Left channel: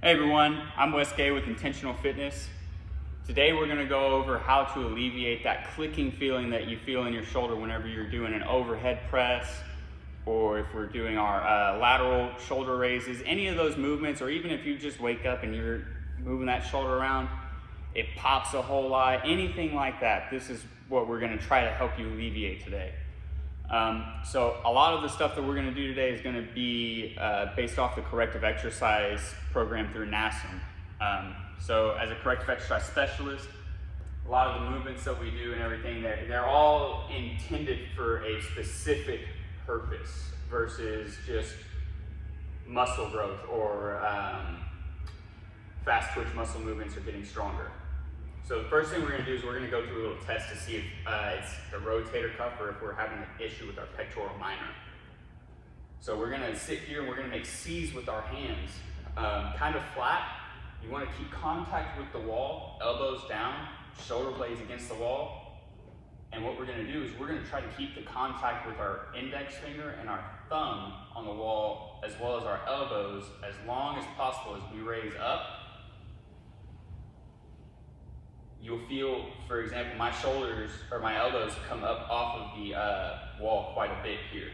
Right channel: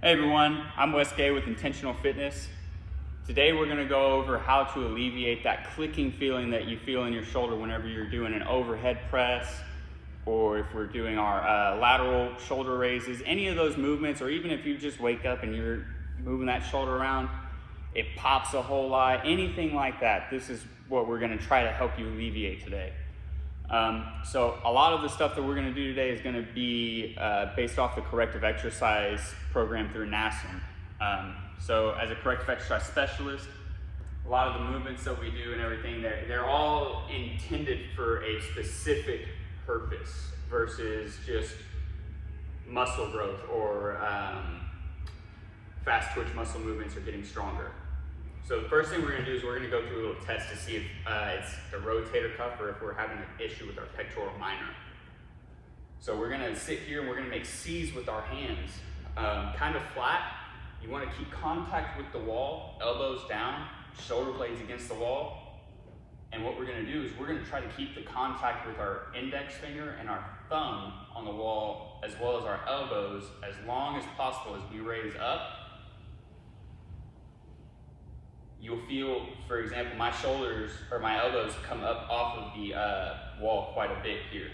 Hey everyone, I'm Wes Gay with Intentional Fitness. Today we're going to go over how to alleviate that clicking feeling that you feel in your shoulder whenever you're doing an overhead press, or if we're doing our lateral shoulder raises, any of those movements, or even if you just wake up and you're moving that shoulder around, it pops a whole lot, anything like that. This is what we're going to try to help you alleviate today. So a lot of the stuff that we're going to do today is going to be based off the corrective exercise program through NASM. So as a corrective exercise specialist, a lot of the movements that we do and everything, they're all intended for a specific purpose versus just muscle growth or fast twitch muscle movements or getting stronger. So the first thing we're going to do is we're going to go through a little test to see if it's the rotator cuff or if we're having an issue with our pectoral minor. So we're going to sit here and we're going to make C's with our hands, kind of flat. You want to keep contact with the wall, elbows down, shoulder blades against the wall. And what we're going to do is we're going to try to keep the contact with our index finger and our thumb on the wall, as well as our elbows, as long as possible as we raise up. You'll feel, for example, my shoulders or my elbows come up off of the wall quite a bit here.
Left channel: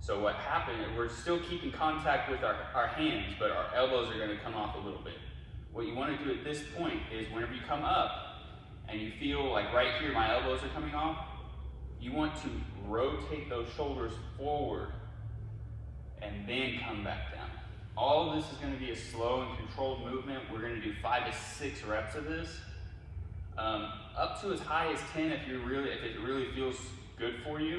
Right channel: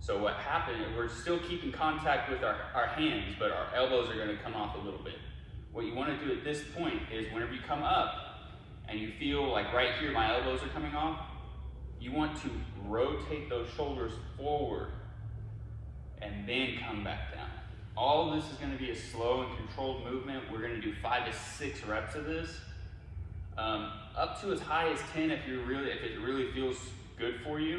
So what happened, we're still keeping contact with our hands, but our elbows are going to come off a little bit. What you want to do at this point is whenever you come up and you feel like right here my elbows are coming off, you want to rotate those shoulders forward and then come back down. All of this is going to be a slow and controlled movement. We're going to do 5 to 6 reps of this. Up to as high as 10 if it really feels good for you.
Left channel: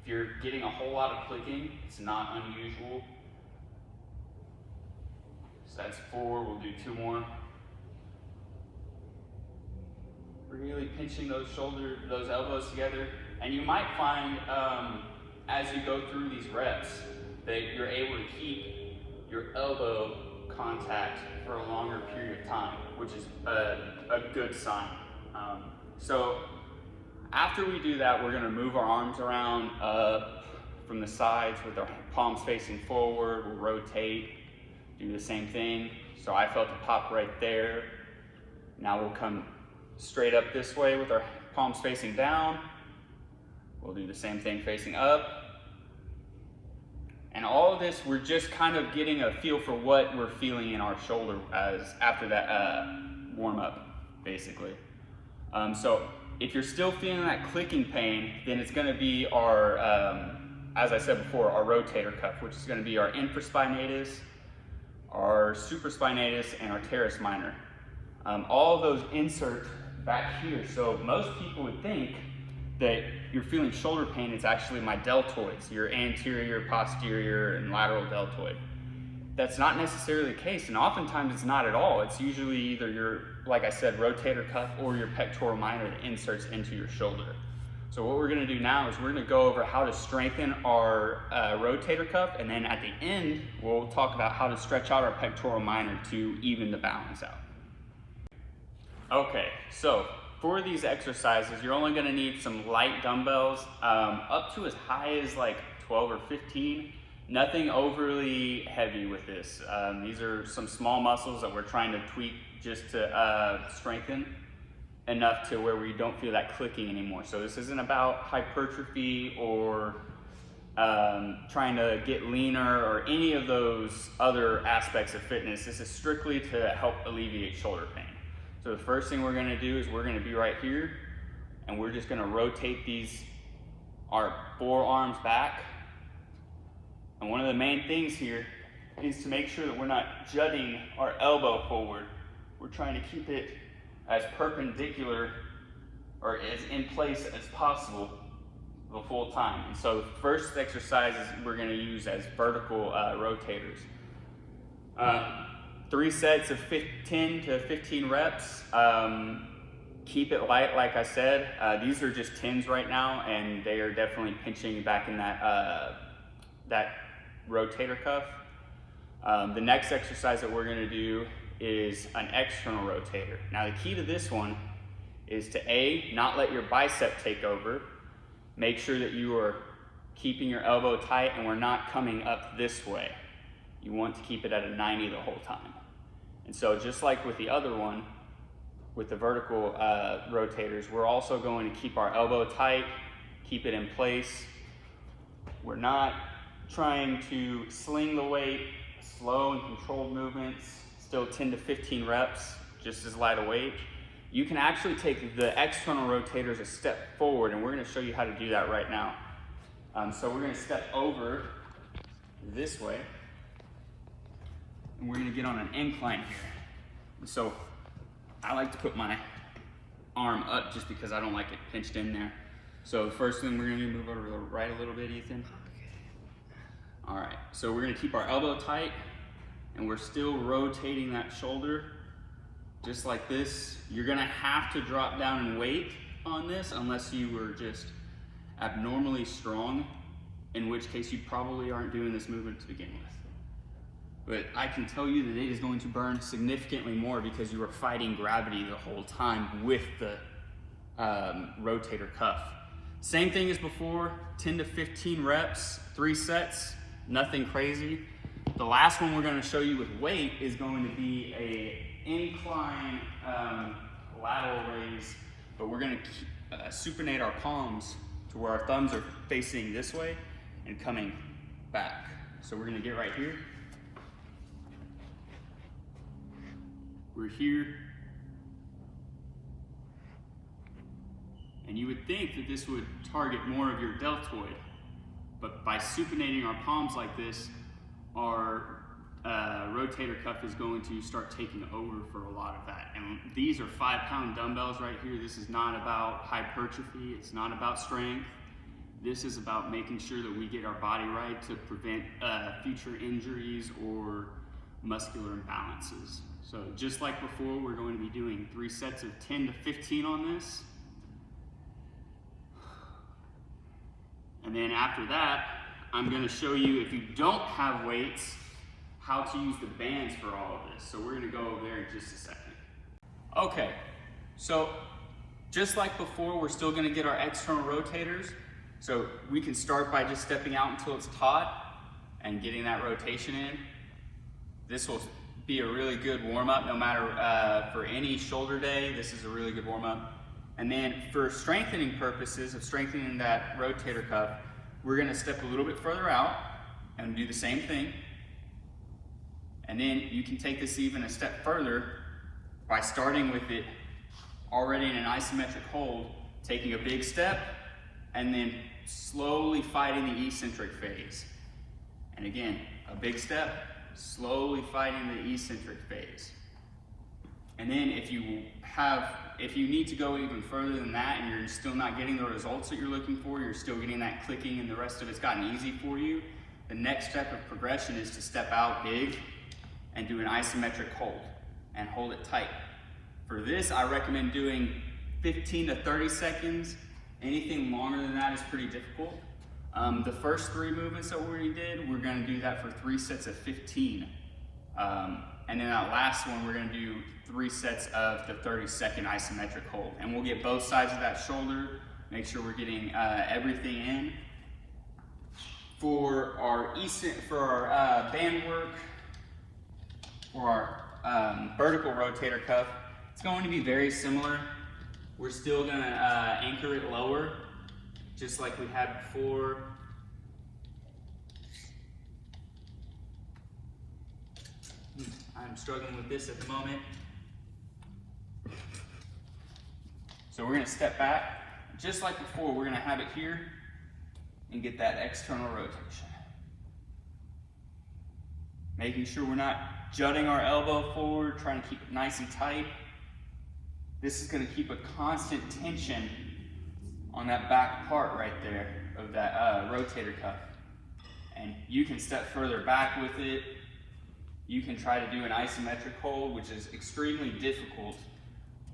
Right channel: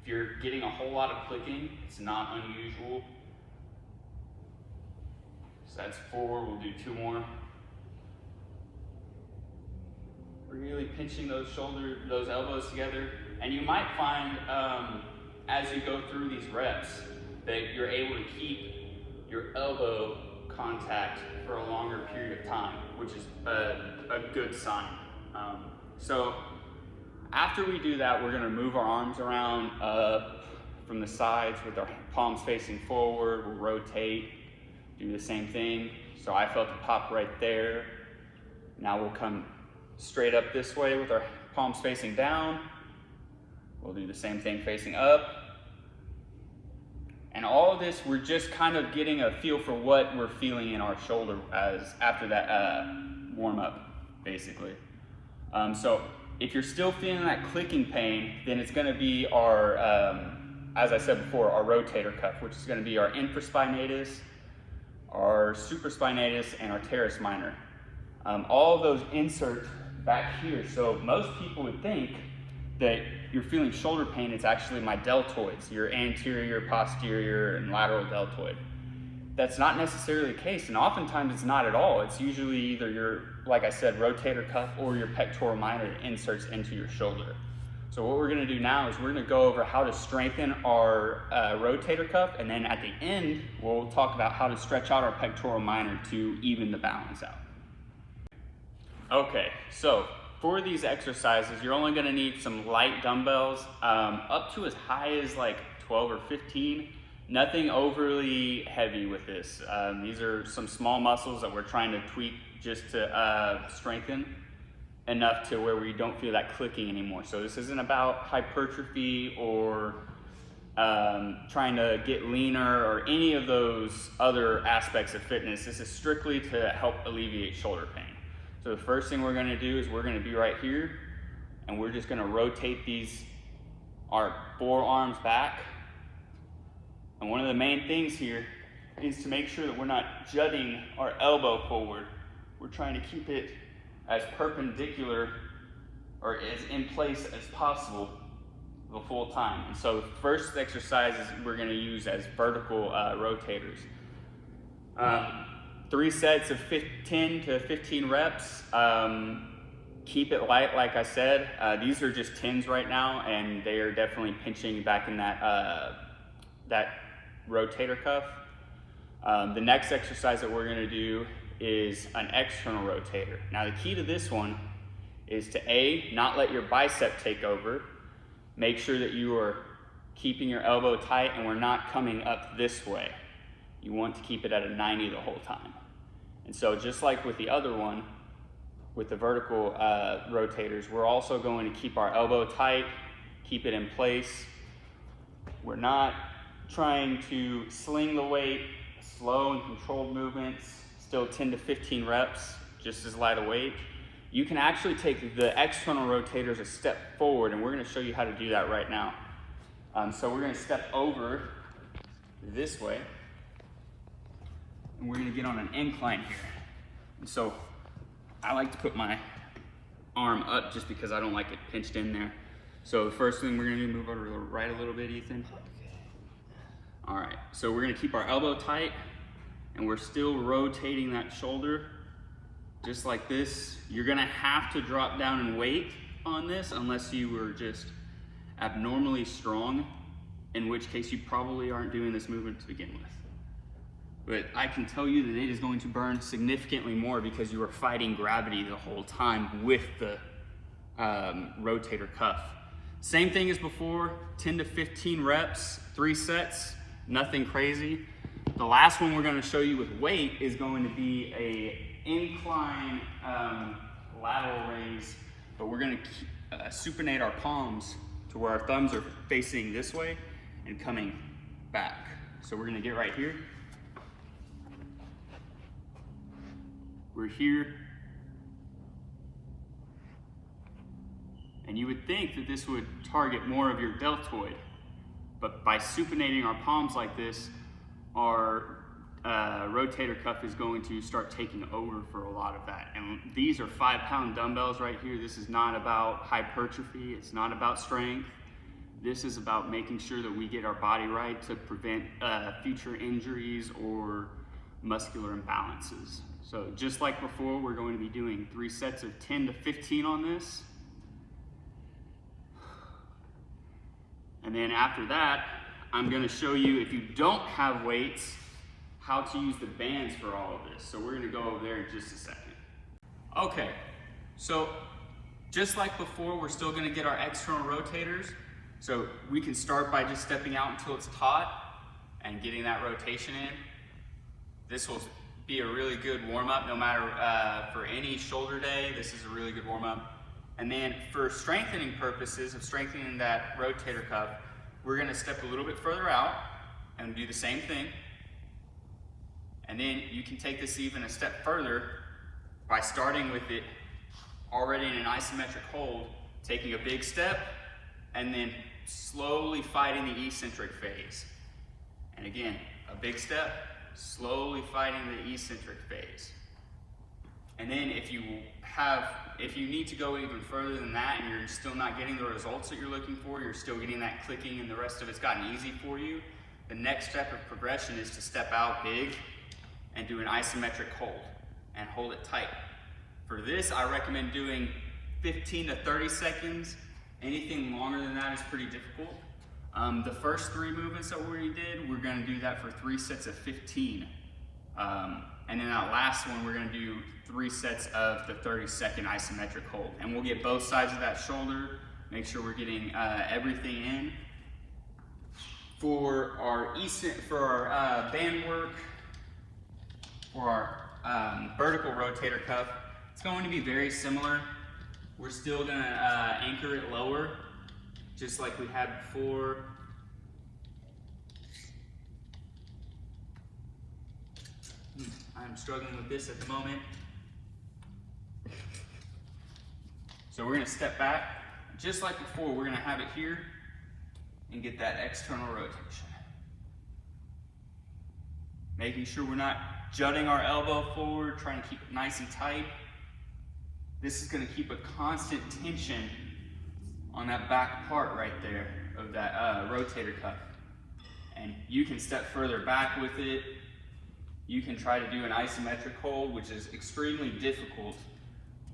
If you're getting a whole lot of clicking, it's not unusual. So that's 4, we'll do 2 more. Really pinching those elbows together. And you might find as you go through these reps that you're able to keep your elbow contact for a longer period of time, which is a good sign. So after we do that, we're going to move our arms around from the sides with our palms facing forward. We'll rotate, do the same thing. So I felt a pop right there. Now we'll come straight up this way with our palms facing down. We'll do the same thing facing up. And all of this, we're just kind of getting a feel for what we're feeling in our shoulder after that warm up, basically. So if you're still feeling that clicking pain, then it's going to be our, as I said before, our rotator cuff, which is going to be our infraspinatus, our supraspinatus, and our teres minor. All of those insert back here. So most people would think that you're feeling shoulder pain, it's actually my deltoids, your anterior, posterior, and lateral deltoid. That's not necessarily the case, and oftentimes it's not at all. It's usually either your, like I said, rotator cuff or your pectoral minor that inserts into your shoulder. So what we're going to do now is we're going to go over how to strengthen our rotator cuff, and then at the end we'll talk about how to stretch out our pectoral minor to even the balance out. Okay, so for these exercises, you're only going to need some light dumbbells, up to as high as like 12 or 15. Nothing overly heavy with this. These are some small muscles that we're trying to tweak just to strengthen enough to where we don't feel that clicking anymore. So this isn't about hypertrophy or trying to get leaner or any of those other aspects of fitness. This is strictly to help alleviate shoulder pain. So the first thing we're going to do is we're going to be right here, and we're just going to rotate our forearms back. And one of the main things here is to make sure that we're not jutting our elbow forward. We're trying to keep it as perpendicular or as in place as possible the full time. And so the first exercise is we're going to use as vertical rotators. 3 sets of 10 to 15 reps. Keep it light, like I said. These are just 10s right now, and they are definitely pinching back in that rotator cuff. The next exercise that we're going to do is an external rotator. Now the key to this one is to not let your bicep take over. Make sure that you are keeping your elbow tight and we're not coming up this way. You want to keep it at a 90 the whole time. And so just like with the other one, with the vertical rotators, we're also going to keep our elbow tight, keep it in place. We're not trying to sling the weight, slow and controlled movements, still 10 to 15 reps, just as light a weight. You can actually take the external rotators a step forward, and we're gonna show you how to do that right now. So we're gonna step over this way, and we're gonna get on an incline here. And so I like to put my arm up just because I don't like it pinched in there. So the first thing we're gonna do, move over to the right a little bit, Ethan. All right, so we're gonna keep our elbow tight, and we're still rotating that shoulder just like this. You're gonna have to drop down in weight on this unless you were just abnormally strong, in which case you probably aren't doing this movement to begin with. But I can tell you that it is going to burn significantly more because you are fighting gravity the whole time with the rotator cuff. Same thing as before, 10 to 15 reps, 3 sets, nothing crazy. The last one we're going to show you with weight is going to be a incline lateral raise, but we're going to supinate our palms to where our thumbs are facing this way and coming back. So we're going to get right here. We're here. And you would think that this would target more of your deltoid, but by supinating our palms like this, our rotator cuff is going to start taking over for a lot of that. And these are 5-pound dumbbells right here. This is not about hypertrophy. It's not about strength. This is about making sure that we get our body right to prevent future injuries or muscular imbalances. So just like before, we're going to be doing 3 sets of 10 to 15 on this. And then after that, I'm going to show you, if you don't have weights, how to use the bands for all of this. So we're going to go over there in just a second. Okay, so just like before, we're still going to get our external rotators. So we can start by just stepping out until it's taut and getting that rotation in. This will be a really good warm-up, no matter for any shoulder day. This is a really good warm-up. And then for strengthening purposes of strengthening that rotator cuff, we're going to step a little bit further out and do the same thing. And then you can take this even a step further by starting with it already in an isometric hold, taking a big step, and then slowly fighting the eccentric phase. And again, a big step, slowly fighting the eccentric phase. And then if you need to go even further than that and you're still not getting the results that you're looking for, you're still getting that clicking and the rest of it's gotten easy for you, the next step of progression is to step out big and do an isometric hold and hold it tight. For this, I recommend doing 15 to 30 seconds. Anything longer than that is pretty difficult. The first 3 movements that we did, we're going to do that for 3 sets of 15. And then that last one, we're going to do 3 sets of the 30-second isometric hold. And we'll get both sides of that shoulder, make sure we're getting everything in. For our band work, for our vertical rotator cuff, it's going to be very similar. We're still going to anchor it lower, just like we had before. I'm struggling with this at the moment. So we're going to step back. Just like before, we're going to have it here and get that external rotation. Making sure we're not jutting our elbow forward, trying to keep it nice and tight. This is going to keep a constant tension on that back part right there of that rotator cuff. And you can step further back with it. You can try to do an isometric hold, which is extremely difficult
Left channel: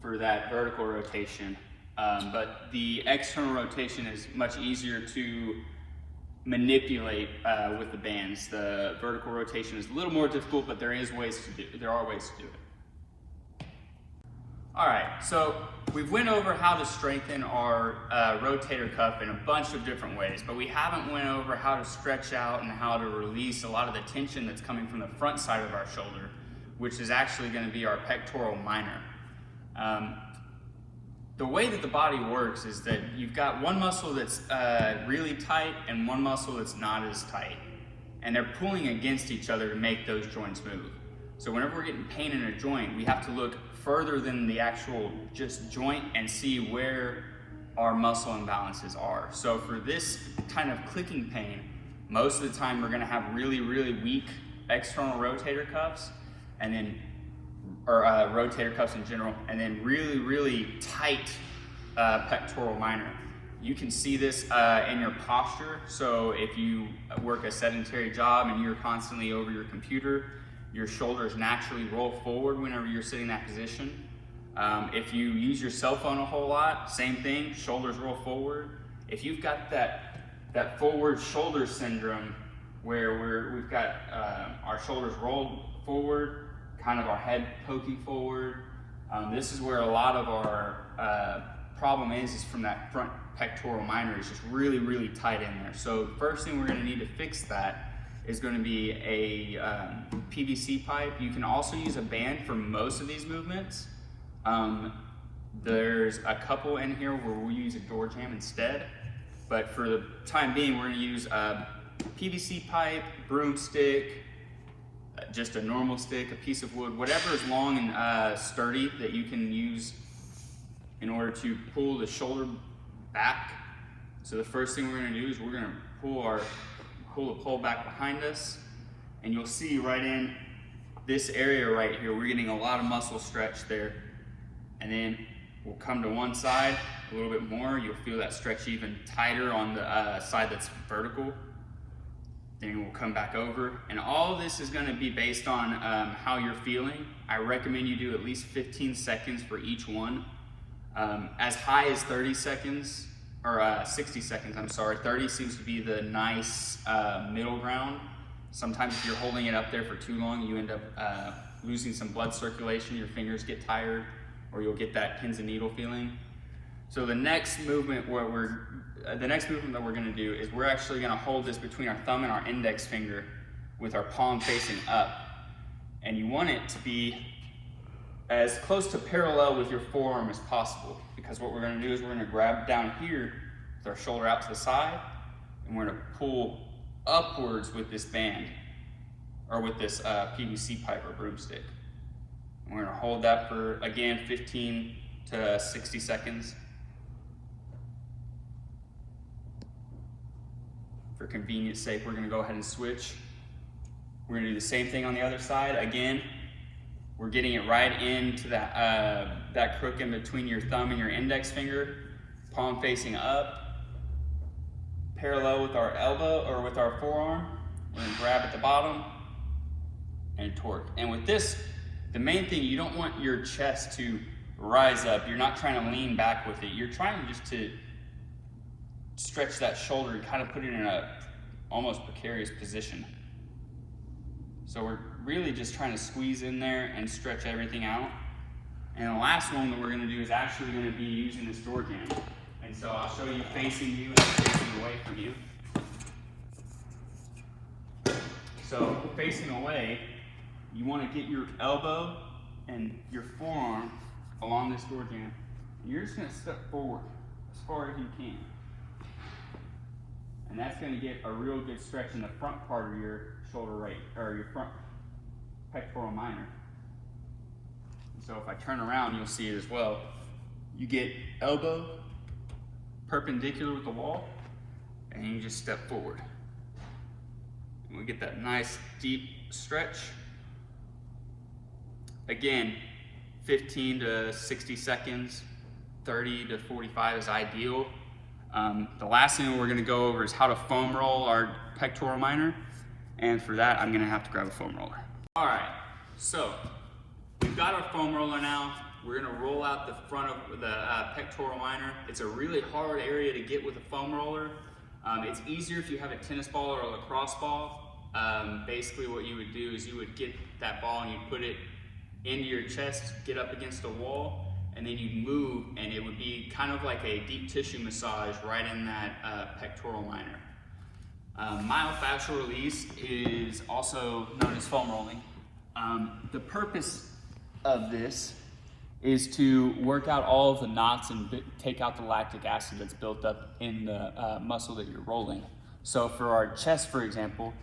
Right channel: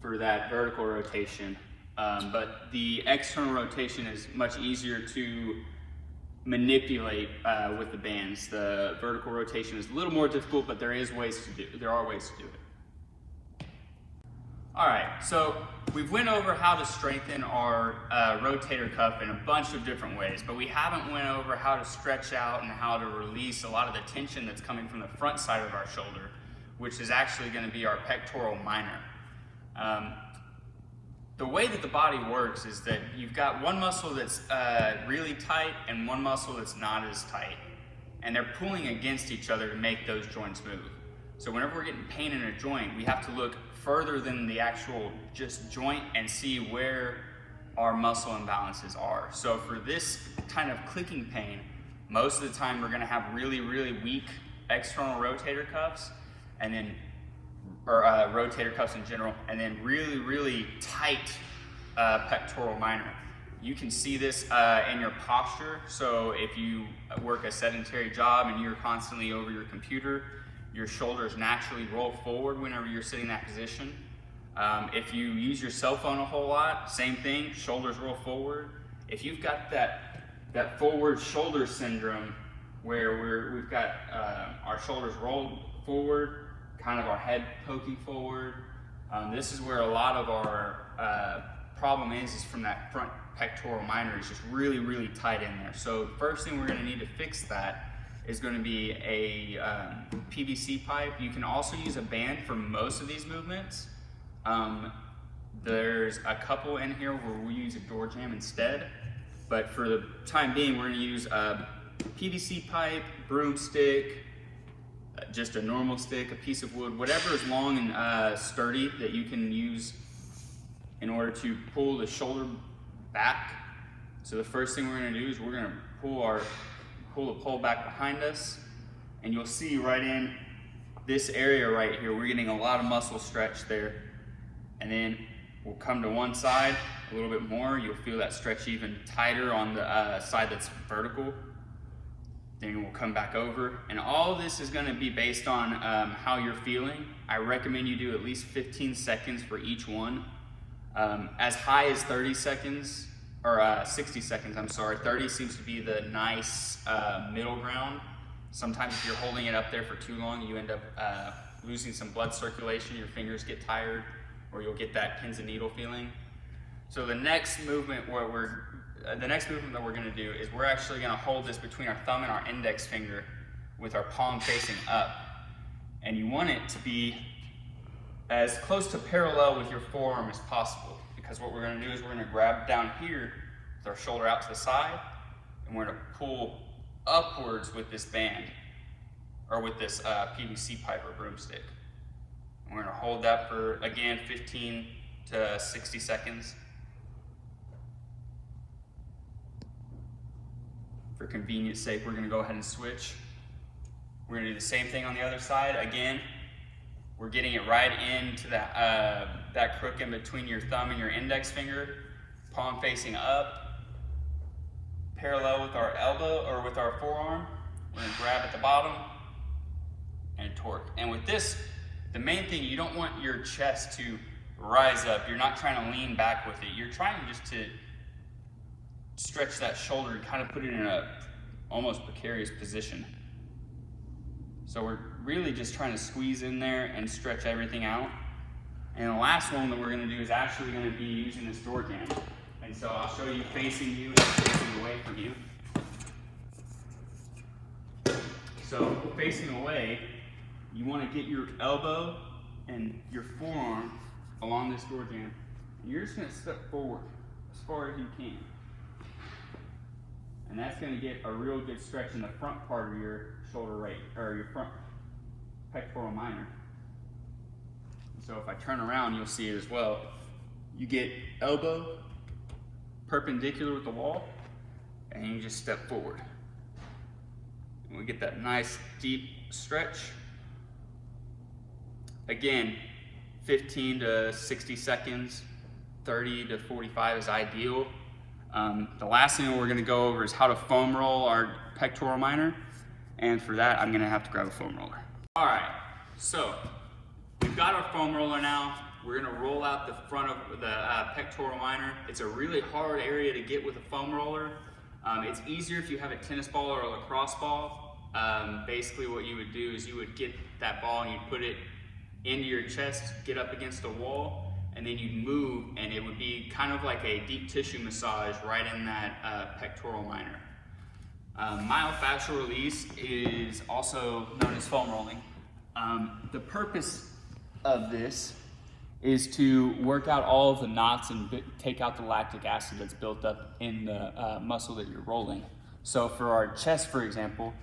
for that vertical rotation. But the external rotation is much easier to manipulate with the bands. The vertical rotation is a little more difficult, but there are ways to do it. All right, so we've went over how to strengthen our rotator cuff in a bunch of different ways, but we haven't went over how to stretch out and how to release a lot of the tension that's coming from the front side of our shoulder, which is actually going to be our pectoral minor. The way that the body works is that you've got one muscle that's really tight and one muscle that's not as tight. And they're pulling against each other to make those joints move. So whenever we're getting pain in a joint, we have to look further than the actual just joint and see where our muscle imbalances are. So for this kind of clicking pain, most of the time we're gonna have really, really weak external rotator cuffs, and then, or rotator cuffs in general, and then really, really tight pectoral minor. You can see this in your posture. So if you work a sedentary job and you're constantly over your computer, your shoulders naturally roll forward whenever you're sitting in that position. If you use your cell phone a whole lot, same thing, shoulders roll forward. If you've got that forward shoulder syndrome where we've got our shoulders rolled forward, kind of our head poking forward, this is where a lot of our problem is from that front pectoral minor is just really, really tight in there. So the first thing we're going to need to fix that is going to be a PVC pipe. You can also use a band for most of these movements. There's a couple in here where we'll use a door jam instead, but for the time being, we're going to use a PVC pipe, broomstick, just a normal stick, a piece of wood, whatever is long and sturdy that you can use in order to pull the shoulder back. So the first thing we're going to do is we're going to pull the pole back behind us, and you'll see right in this area right here, we're getting a lot of muscle stretch there. And then we'll come to one side a little bit more. You'll feel that stretch even tighter on the side that's vertical. Then we'll come back over. And all of this is going to be based on how you're feeling. I recommend you do at least 15 seconds for each one. As high as 30 seconds, or 60 seconds, I'm sorry. 30 seems to be the nice middle ground. Sometimes if you're holding it up there for too long, you end up losing some blood circulation, your fingers get tired, or you'll get that pins and needle feeling. So the next movement that we're going to do is we're actually going to hold this between our thumb and our index finger with our palm facing up. And you want it to be as close to parallel with your forearm as possible, because what we're going to do is we're going to grab down here with our shoulder out to the side, and we're going to pull upwards with this band, or with this PVC pipe or broomstick. And we're going to hold that for, again, 15 to 60 seconds. For convenience sake, we're going to go ahead and switch. We're going to do the same thing on the other side. Again, we're getting it right into that crook in between your thumb and your index finger, palm facing up, parallel with our elbow or with our forearm. We're going to grab at the bottom and torque. And with this, the main thing, you don't want your chest to rise up. You're not trying to lean back with it. You're trying just to stretch that shoulder and kind of put it in a almost precarious position. So we're really just trying to squeeze in there and stretch everything out. And the last one that we're going to do is actually going to be using this door jam. And so I'll show you facing you and facing away from you. So facing away, you want to get your elbow and your forearm along this door jam. And you're just going to step forward as far as you can. And that's going to get a real good stretch in the front part of your shoulder or your front pectoral minor. And so if I turn around, you'll see it as well. You get elbow perpendicular with the wall, and you just step forward. And we get that nice deep stretch. Again, 15 to 60 seconds, 30 to 45 is ideal. The last thing we're going to go over is how to foam roll our pectoral minor, and for that I'm going to have to grab a foam roller. Alright, so we've got our foam roller now. We're going to roll out the front of the pectoral minor. It's a really hard area to get with a foam roller. It's easier if you have a tennis ball or a lacrosse ball. Basically what you would do is you would get that ball and you'd put it into your chest, get up against the wall, and then you'd move, and it would be kind of like a deep tissue massage right in that pectoral minor. Myofascial release is also known as foam rolling. The purpose of this is to work out all of the knots and take out the lactic acid that's built up in the muscle that you're rolling. So for our chest, for example,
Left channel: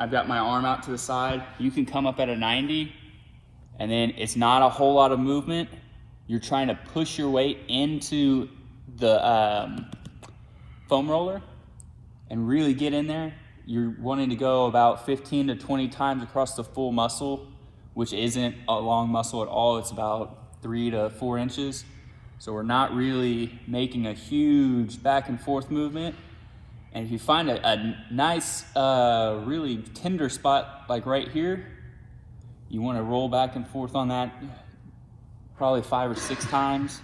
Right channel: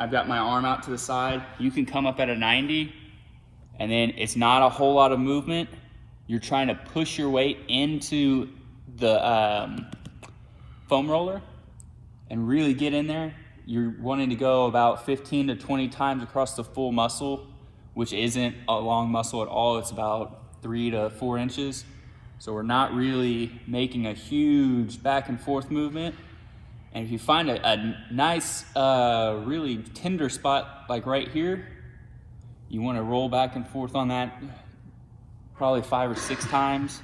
I've got my arm out to the side. You can come up at a 90, and then it's not a whole lot of movement. You're trying to push your weight into the foam roller and really get in there. You're wanting to go about 15 to 20 times across the full muscle, which isn't a long muscle at all. It's about 3 to 4 inches. So we're not really making a huge back and forth movement. And if you find a nice, really tender spot like right here, you want to roll back and forth on that probably 5 or 6 times.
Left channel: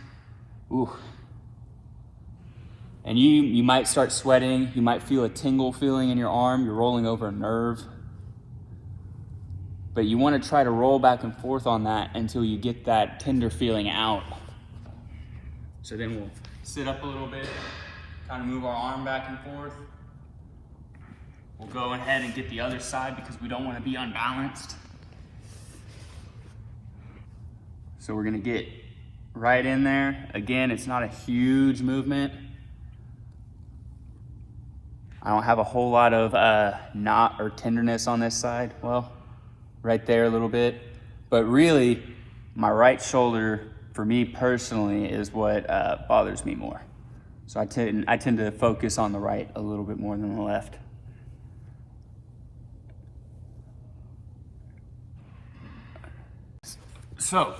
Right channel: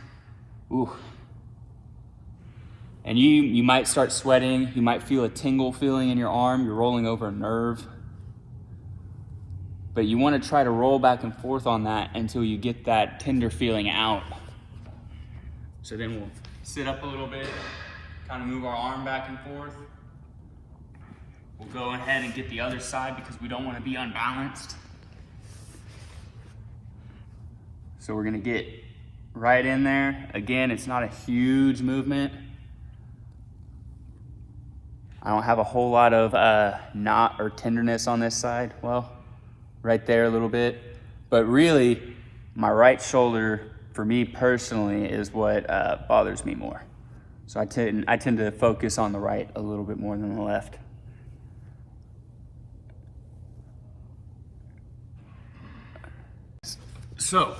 Ooh. And you might start sweating. You might feel a tingle feeling in your arm. You're rolling over a nerve. But you want to try to roll back and forth on that until you get that tender feeling out. So then we'll sit up a little bit, kind of move our arm back and forth. We'll go ahead and get the other side because we don't want to be unbalanced. So we're going to get right in there. Again, it's not a huge movement. I don't have a whole lot of knot or tenderness on this side. Well, right there a little bit. But really, my right shoulder, for me personally, is what bothers me more. So I tend to focus on the right a little bit more than the left. So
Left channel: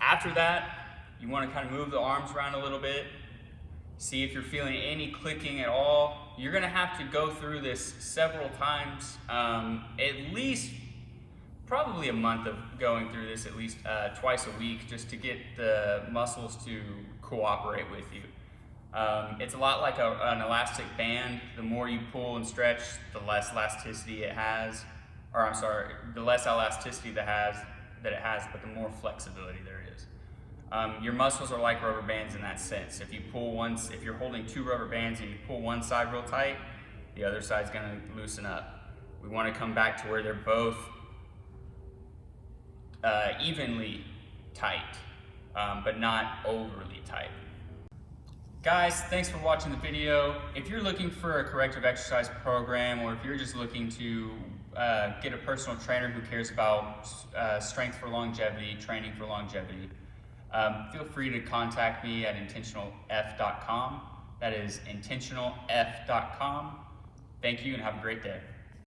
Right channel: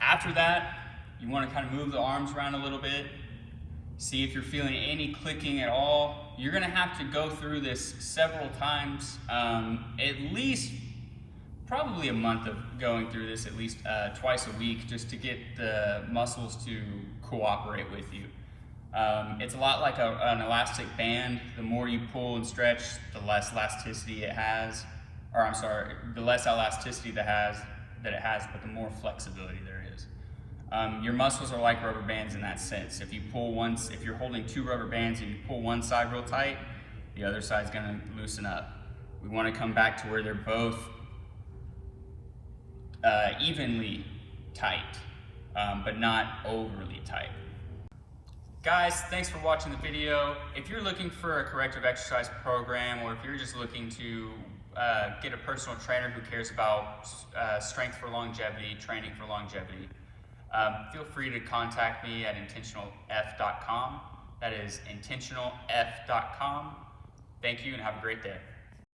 after that, you want to kind of move the arms around a little bit. See if you're feeling any clicking at all. You're gonna have to go through this several times, at least probably a month of going through this, at least twice a week, just to get the muscles to cooperate with you. It's a lot like an elastic band. The more you pull and stretch, the less elasticity it has, or I'm sorry, the less elasticity that it has, but the more flexibility there is. Your muscles are like rubber bands in that sense. If you're holding 2 rubber bands and you pull one side real tight, the other side's gonna loosen up. We wanna come back to where they're both evenly tight, but not overly tight. Guys, thanks for watching the video. If you're looking for a corrective exercise program, or if you're just looking to get a personal trainer who cares about strength for longevity, training for longevity, feel free to contact me at intentionalf.com. That is intentionalf.com. Thank you and have a great day.